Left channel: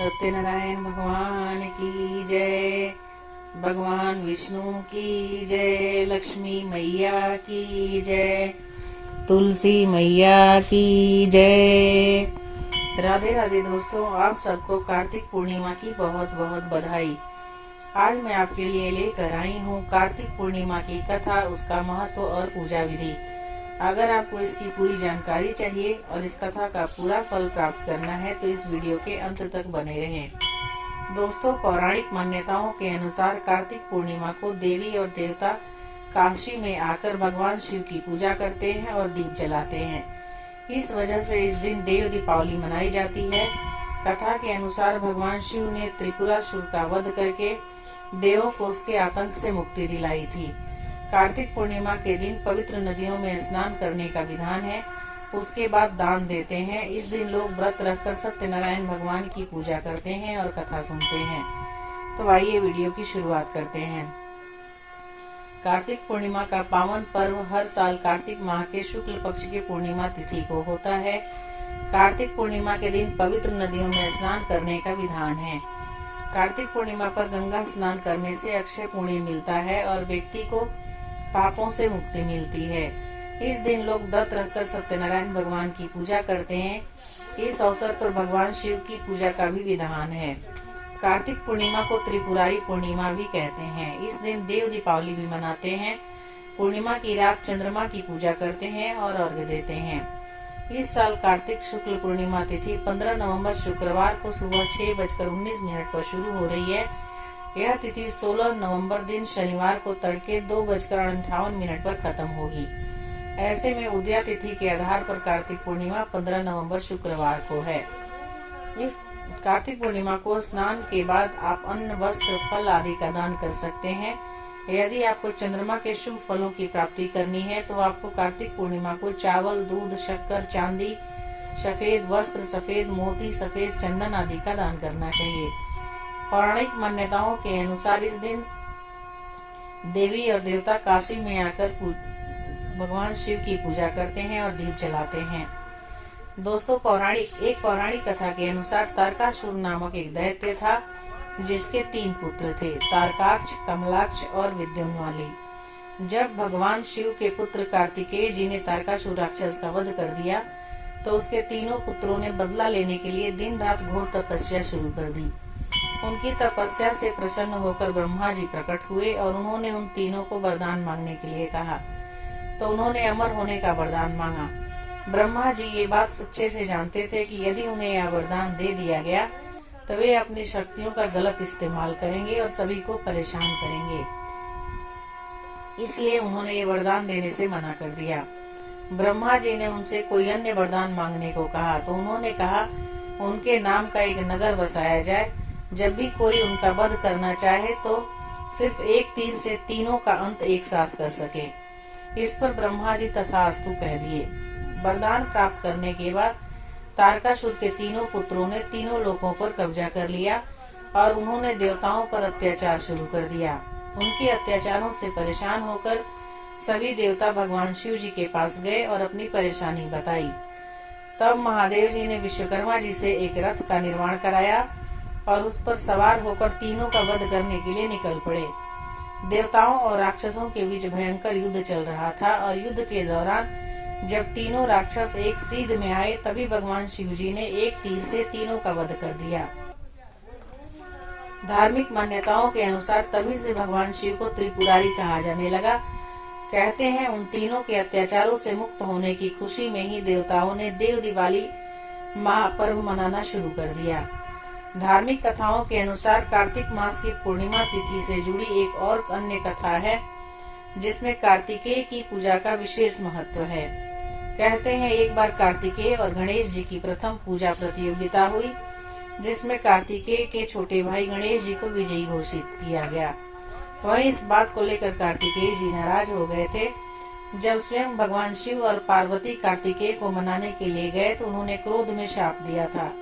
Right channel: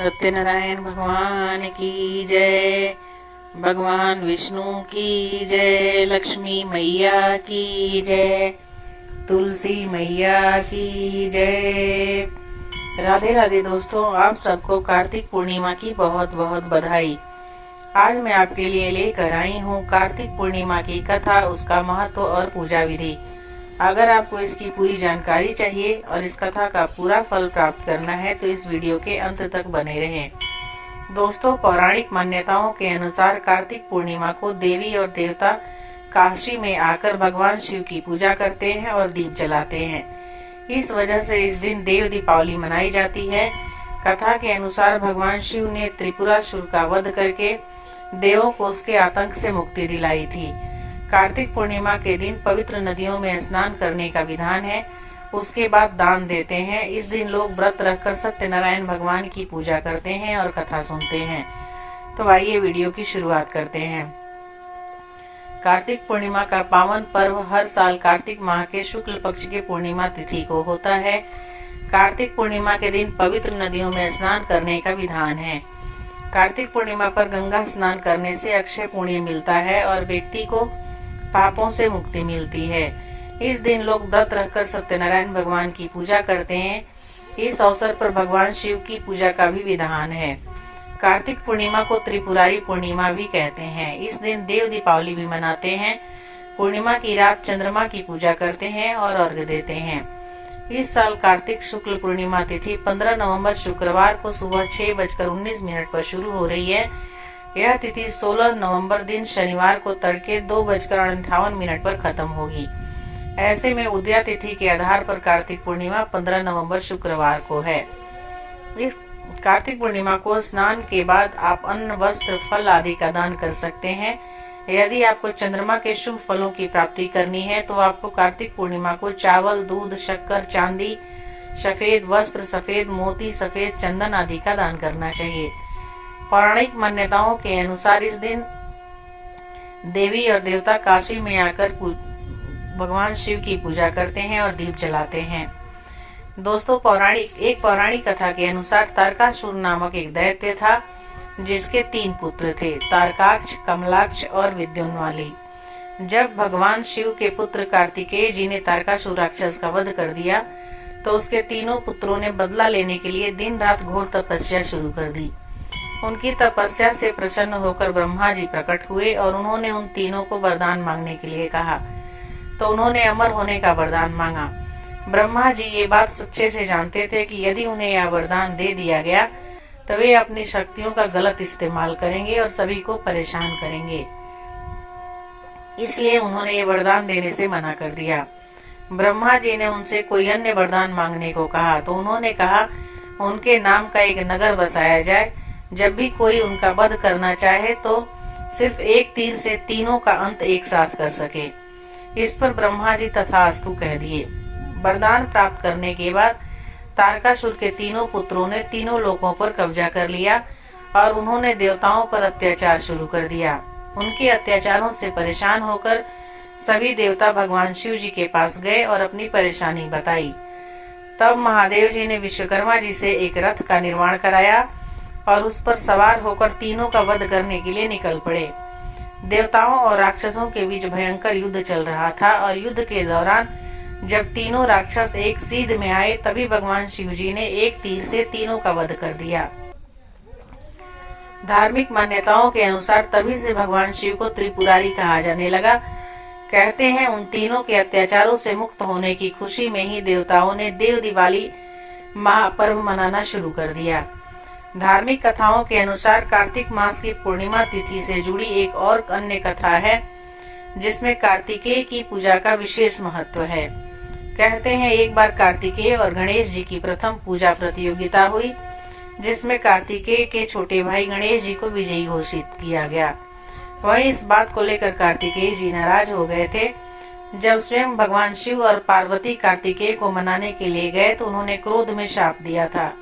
सत्यनारायण भगवान की जय। भगवान विष्णु की जय। लक्ष्मी मैया की जय। तुलसी मैया की जय। राधे राधे दोस्तों, आप सबको कार्तिक पूर्णिमा की बहुत बहुत बधाई। आज मैं आपके लिए लेकर आई हूँ कार्तिक पूर्णिमा की कथा, उसका महत्व और पूजा विधि। अगर आपको इसकी पूरी जानकारी चाहिए और इस कथा का पूरा फल प्राप्त करना है तो इस वीडियो के अंत तक बने रहें। दोस्तों, पौराणिक मान्यताओं के अनुसार कार्तिक पूर्णिमा को देवी और देवता काशी में आकर भगवान शिव की पूजा करते हैं और दीप जलाते हैं। इस वजह से इस दिन देव दीपावली मनाई जाती है। कथा के अनुसार भगवान शिव ने त्रिपुरासुर का वध करके देवों को उसके आतंक से मुक्ति दिलाई थी। कार्तिक पूर्णिमा के दिन पवित्र नदियों में स्नान करने का विधान है। उसके बाद दान देते हैं। इस दिन लोग व्रत रखकर सत्यनारायण भगवान की पूजा करते हैं और कथा सुनते हैं। तो आइए वीडियो की शुरुआत करते हैं। कार्तिक पूर्णिमा का पावन पर्व हर साल कार्तिक माह के शुक्ल पक्ष के पूर्णिमा तिथि को होता है। कार्तिक पूर्णिमा के दिन पवित्र नदियों में स्नान करने का विधान है। कार्तिक पूर्णिमा पर गंगा स्नान करने से अक्षय पुण्य मिलता है और व्यक्ति को पापों से मुक्ति मिलती है। इस दिन लोग व्रत रखकर सत्यनारायण भगवान की पूजा करते हैं। इस अवसर पर भगवान शिव की पूजा का भी विधान है। कार्तिक पूर्णिमा को त्रिपुरारी पूर्णिमा भी कहते हैं। इस दिन देव दीपावली भी मनाते हैं। पूर्णिमा की रात चंद्रमा की पूजा करते हैं और अर्घ्य देते हैं। इस साल कार्तिक शुक्ल पूर्णिमा तिथि 15 नवंबर शुक्रवार को सुबह 6:19 पर शुरू हो रही है। यह तिथि 16 नवंबर दिन शनिवार को तड़के 2:58 पर खत्म होगी। ऐसे में उदया तिथि के आधार पर कार्तिक पूर्णिमा 15 नवंबर शुक्रवार को है। इस कार्तिक पूर्णिमा को स्नान के बाद आप अन्न, वस्त्र, फल आदि का दान कर सकते हैं। यदि आपको चंद्रमा के शुभ फलों की प्राप्ति करनी है तो आपको कार्तिक पूर्णिमा को चावल, दूध, शक्कर, चांदी, सफेद वस्त्र, सफेद मोती, सफेद चंदन आदि का दान करना चाहिए। पौराणिक मान्यताओं के अनुसार इस दिन देवी और देवता काशी में आकर भगवान शिव की पूजा करते हैं और दीप जलाते हैं। दोस्तों, एक पौराणिक कथा के अनुसार तारकासुर नामक एक दैत्य था जिसके 3 पुत्र थे, तारकाक्ष, कमलाक्ष और विद्युन्माली। जब भगवान शिव के पुत्र कार्तिकेय जी ने तारकासुर राक्षस का वध कर दिया तो उसके तीनों पुत्रों ने बदला लेने के लिए दिन रात घोर तपस्या शुरू कर दी। उनकी तपस्या से प्रसन्न होकर ब्रह्मा जी प्रकट हुए और उन्होंने उन तीनों को वरदान मांगने के लिए कहा। तो उन्होंने अमर होने का वरदान मांगा। ब्रह्मा जी ये बात सच्चे से जानते थे कि यदि उन्हें यह वरदान दे दिया गया तो वे अपनी शक्तियों का गलत इस्तेमाल करेंगे और सभी को परेशान करेंगे। इसलिए उन्होंने ये वरदान देने से मना कर दिया। ब्रह्मा जी ने उनसे कोई अन्य वरदान मांगने को कहा तो उन्होंने कहा उनके नाम का एक नगर बसाया जाए। जब भी कोई उनका वध करना चाहे तो सिर्फ एक तीर से तीनों का अंत एक साथ कर सके। इस पर ब्रह्मा जी तथास्तु कह दिए। वरदान प्राप्त करने के बाद तारकासुर के तीनों पुत्रों ने तीनों लोकों पर कब्जा कर लिया और उन्होंने देवताओं पर अत्याचार शुरू कर दिया। उनके अत्याचारों से परेशान होकर सभी देवता भगवान शिव जी के पास गए और अपनी परेशानी बताई। तब महादेव जी ने विश्वकर्मा जी से एक रथ का निर्माण कराया और उस पर सवार होकर तीनों का वध करने के लिए निकल पड़े। देवताओं और राक्षसों के बीच भयंकर युद्ध चल रहा था और युद्ध के दौरान जब तीनों राक्षस एक सीध में आए तभी भगवान शिव जी ने एक तीर से तीनों का वध कर दिया। धार्मिक मान्यताओं के अनुसार तभी से भगवान शिव को त्रिपुरारी कहा जाने लगा। कहते हैं उन तीनों के अत्याचारों से मुक्त होने की खुशी में ही देवताओं ने देव दिवाली महापर्व मनाना शुरू कर दिया। धार्मिक कथाओं के अनुसार कार्तिक मास की पूर्णिमा तिथि से जुड़ी एक और अन्य कथा है जिसमें कार्तिकेय की पूजा का विशेष महत्व है। कहते हैं एक बार कार्तिकेय और गणेश जी की प्रथम पूजा प्रतियोगिता हुई जिसमें कार्तिकेय के छोटे भाई गणेश जी को विजयी घोषित किया गया। वहीं इस बात को लेकर कार्तिकेय जी नाराज हो गए थे। जब स्वयं भगवान शिव और पार्वती कार्तिकेय को मनाने के लिए गए तो उन्होंने क्रोध में शाप दिया था।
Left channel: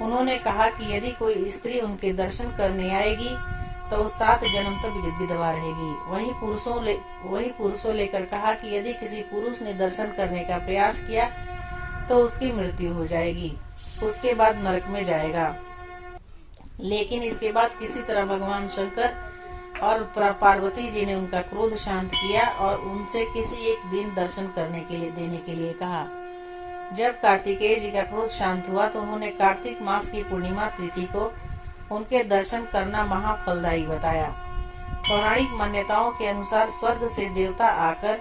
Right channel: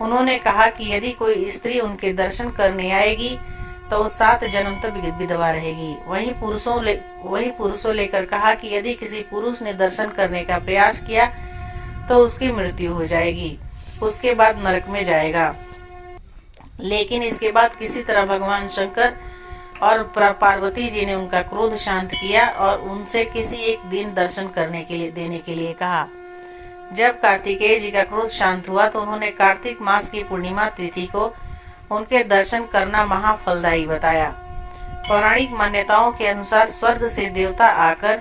उन्होंने कहा कि यदि कोई स्त्री उनके दर्शन करने आएगी तो 7 जन्म तक विधवा रहेगी। वहीं पुरुषों लेकर कहा कि यदि किसी पुरुष ने दर्शन करने का प्रयास किया तो उसकी मृत्यु हो जाएगी, उसके बाद नरक में जाएगा। लेकिन इसके बाद किसी तरह भगवान शंकर और पार्वती जी ने उनका क्रोध शांत किया और उनसे किसी एक दिन दर्शन देने के लिए कहा। जब कार्तिकेय जी का क्रोध शांत हुआ तो उन्होंने कार्तिक मास की पूर्णिमा तिथि को उनके दर्शन करना महाफलदायी बताया। पौराणिक मान्यताओं के अनुसार स्वर्ग से देवता आकर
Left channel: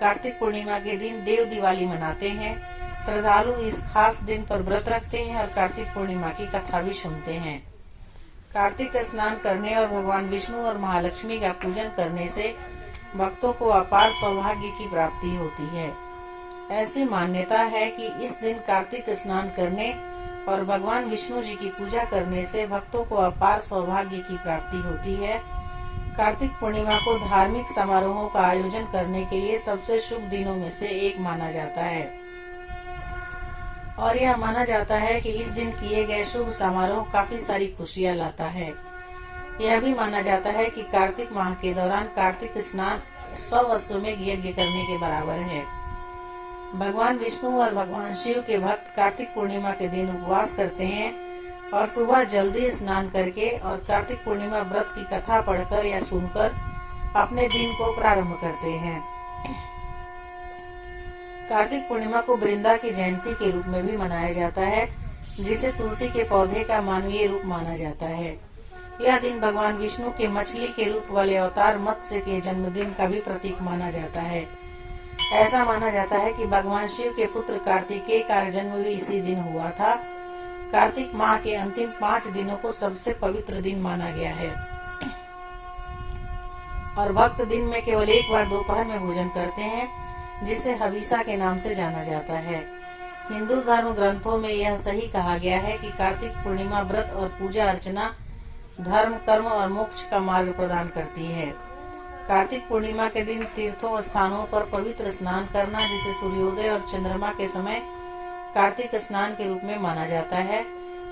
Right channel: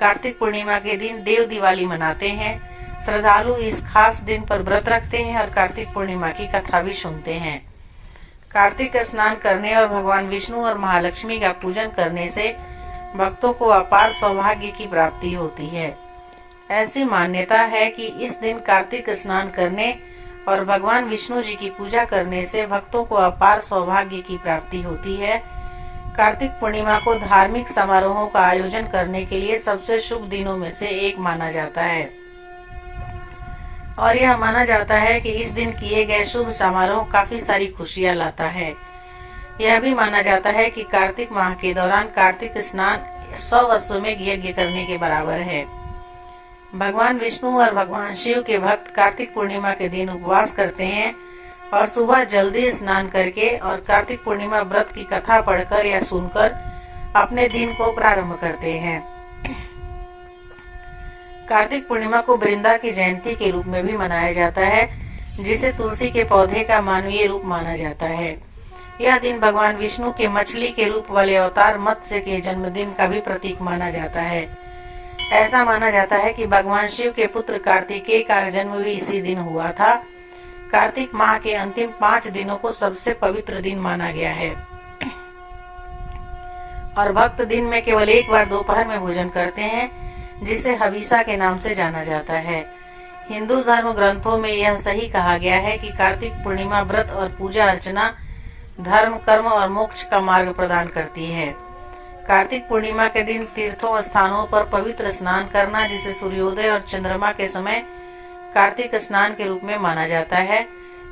कार्तिक पूर्णिमा के दिन देव दिवाली मनाते हैं। श्रद्धालु इस खास दिन पर व्रत रखते हैं और कार्तिक पूर्णिमा की कथा भी सुनते हैं। कार्तिक स्नान करने और भगवान विष्णु और महालक्ष्मी का पूजन करने से भक्तों को अपार सौभाग्य की प्राप्ति होती है। ऐसी मान्यता है कि इस दिन कार्तिक स्नान करने और भगवान विष्णु जी की पूजा करने से भक्तों को अपार सौभाग्य की प्राप्ति होती है। कार्तिक पूर्णिमा को धार्मिक समारोहों का आयोजन करने के लिए सबसे शुभ दिनों में से एक माना जाता है और यह माना जाता है कि इस दिन किए गए शुभ समारोह काफी सारी खुशियां लाता है। यह भी माना जाता है कि कार्तिक माह के दौरान कार्तिक स्नान 100 अश्वमेध यज्ञ करने के बराबर है। भगवान विष्णु और भगवान शिव के भक्त कार्तिक पूर्णिमा के दिन उपवास करते हैं और सुबह जल्दी स्नान करके और कार्तिक पूर्णिमा व्रत की कथा पढ़कर या सुनकर अपने दिन को प्रारंभ करते हैं। कार्तिक पूर्णिमा को वृंदा की जयंती के रूप में भी मनाया जाता है, जिसे तुलसी के पौधे का मानवीय रूप माना जाता है। यह दिन भगवान विष्णु के मछली के रूप वाले अवतार मत्स्य के जन्मदिन का भी प्रतीक माना जाता है। ऐसा माना जाता है कि भगवान शिव के पुत्र कार्तिकेय का जन्म भी इसी दिन हुआ था। कार्तिक माह के अंतिम 5 दिनों को सबसे पवित्र दिन माना गया है और भक्त दिन में केवल एक बार दोपहर में भोजन करते हैं, जिसे हविसा के नाम से जाना जाता है। हिंदू धर्म ग्रंथों में यह सही कहा गया है कि कार्तिक पूर्णिमा व्रत और पूजा अर्चना धर्म, कर्म और मोक्ष का मार्ग प्रदान करती है। कार्तिक पूर्णिमा के दिन तीर्थों स्थानों पर पवित्र स्नान करना, जिसे सूर्योदय और चंद्रमा के समय कार्तिक स्नान के रूप में माना जाता है,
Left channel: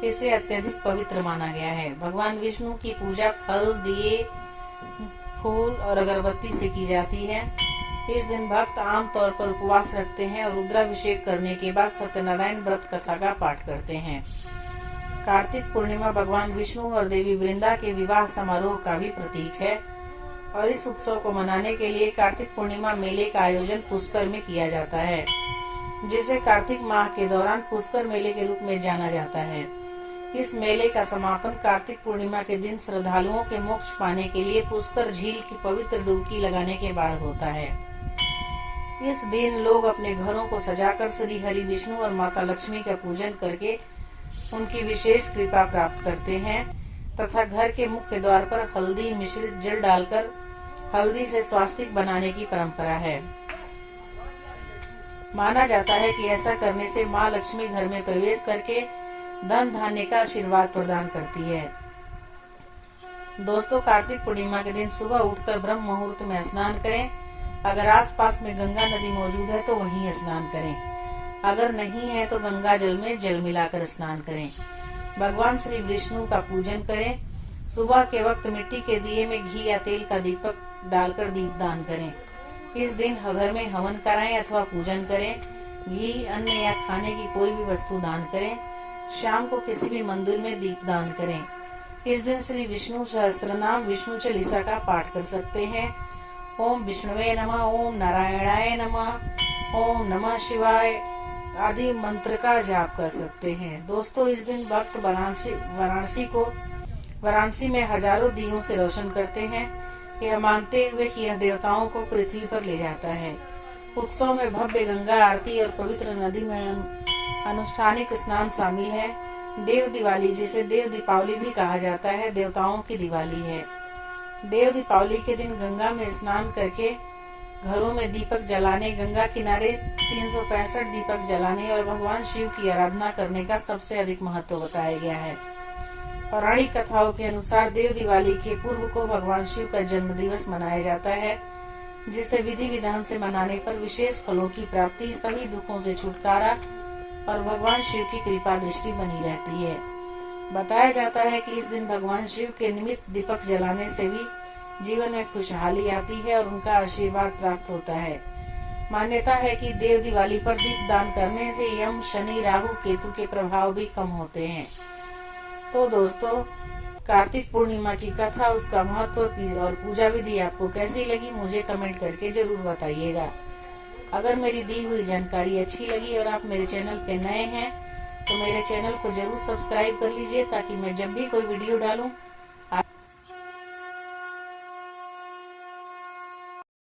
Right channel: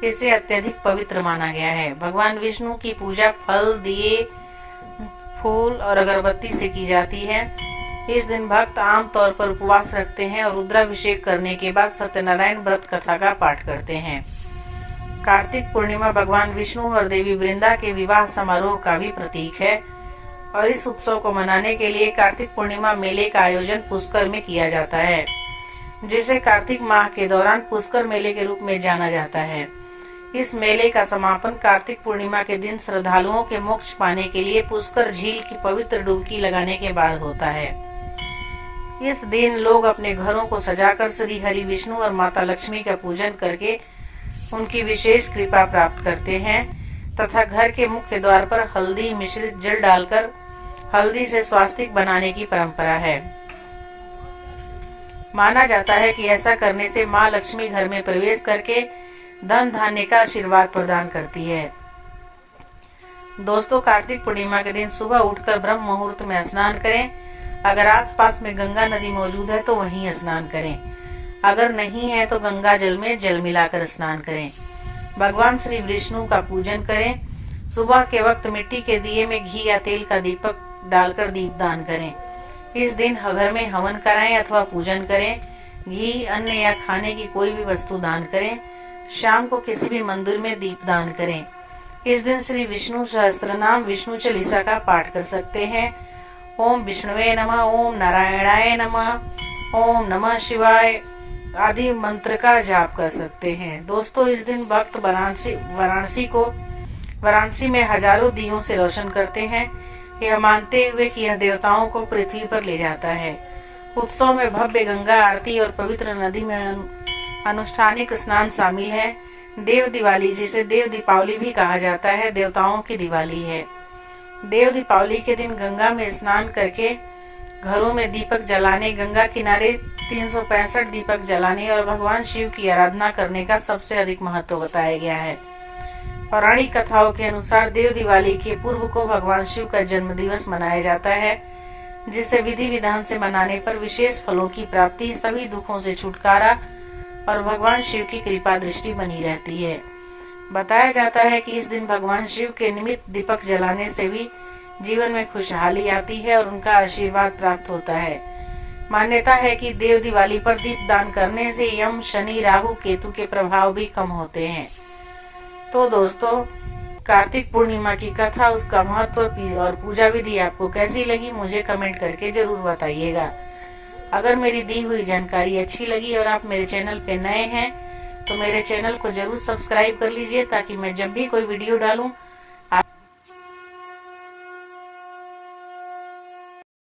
इसे अत्यधिक पवित्र माना गया है। भगवान विष्णु की पूजा फल, दिए, फूल और अगरबत्ती से की जाती है। इस दिन भक्त आम तौर पर उपवास रखते हैं और रुद्राभिषेक करने के बाद सत्यनारायण व्रत कथा का पाठ करते हैं। कार्तिक पूर्णिमा भगवान विष्णु और देवी वृंदा के विवाह समारोह का भी प्रतीक है और इस उत्सव को मनाने के लिए कार्तिक पूर्णिमा मेले का आयोजन पुष्कर में किया जाता है, जिसे कार्तिक माह के दौरान पुष्कर मेले के रूप में जाना जाता है। इस मेले का समापन कार्तिक पूर्णिमा के दिन श्रद्धालुओं के मोक्ष पाने के लिए पुष्कर झील की पवित्र डुबकी लगाने के बाद होता है। इस दिन लोग अपने घरों को सजाकर श्री हरि विष्णु और माता लक्ष्मी का पूजन करके उनकी विशेष कृपा प्राप्त करते हैं तथा घर के मुख्य द्वार पर हल्दी मिश्रित जल डालकर हल्दी से स्वास्तिक बनाने की परंपरा है। माना जाता है कि ऐसा करने से माँ लक्ष्मी घर में प्रवेश करके धन धान्य का आशीर्वाद प्रदान करती है। दोस्तों, कार्तिक पूर्णिमा के दिन सुबह उठकर ब्रह्म मुहूर्त में स्नान करें। अगर आसपास में गंगा नदी मौजूद है तो वहीं स्नान करें, अगर नहीं है तो गंगा जल में जल मिलाकर स्नान करें। भगवान श्री विष्णु का पूजन करें। सुबह के वक्त मिट्टी के दिए में घी या तेल का दीपक डालकर दीपदान करें। इस दिन घर में हवन कराएं अथवा पूजन करें। घी, अन्न या खाने की कोई भी वस्तु दान करें। शाम को किसी भी मंदिर में दीपदान करें। इस दिन श्री विष्णु सहस्त्रनाम विष्णु चालीसा का पाठ कर सकते हैं। ओम विष्णुवे नमः, ओम नारायणाय नमः, ओम नमः शिवाय आदि मंत्र का जाप कर सकते हैं। दोस्तों, इस दिन भक्त वाराणसी में हजारों दियों से रोशन करते हैं, यह मानते हुए कि यह देवताओं को पृथ्वी पर ले जाता है। उत्सव में भव्य गंगा आरती और पवित्र नदी में अनुष्ठानिक स्नान शामिल है। देव दिवाली, जिसे देव दीपावली भी कहा जाता है, देवताओं की दिवाली है। देव दीपावली के दिन गंगा में स्नान करके घरों में दीपक जलाने, गंगा किनारे 365 दीपक जलाने और भगवान शिव की आराधना करने का सबसे अधिक महत्व बताया गया है। पौराणिक कथाओं के अनुसार देव दिवाली के पूर्व को भगवान शिव का जन्म दिवस मनाया जाता है, जिसे विधि विधान से मनाने पर विशेष फलों की प्राप्ति, सभी दुखों से छुटकारा और भगवान शिव की कृपा दृष्टि बनी रहती है। बताया जाता है कि इस दिन भगवान शिव के निमित्त दीपक जलाने से भी जीवन में खुशहाली आती है और उनका आशीर्वाद प्राप्त होता है। मान्यता है कि देव दिवाली पर दीप दान करने से यम, शनि, राहु, केतु के प्रभाव भी कम होते हैं। तो दोस्तों, कार्तिक पूर्णिमा की कथा, उसका महत्व और पूजा विधि आपको कैसी लगी मुझे कमेंट करके जरूर बताइएगा। अगर मेरी दी हुई जानकारी अच्छी लगी और आप मेरे चैनल पे नए हैं तो मेरे चैनल को जरूर सब्सक्राइब कर लीजिए, ताकि मैं जब भी कोई वीडियो डालूं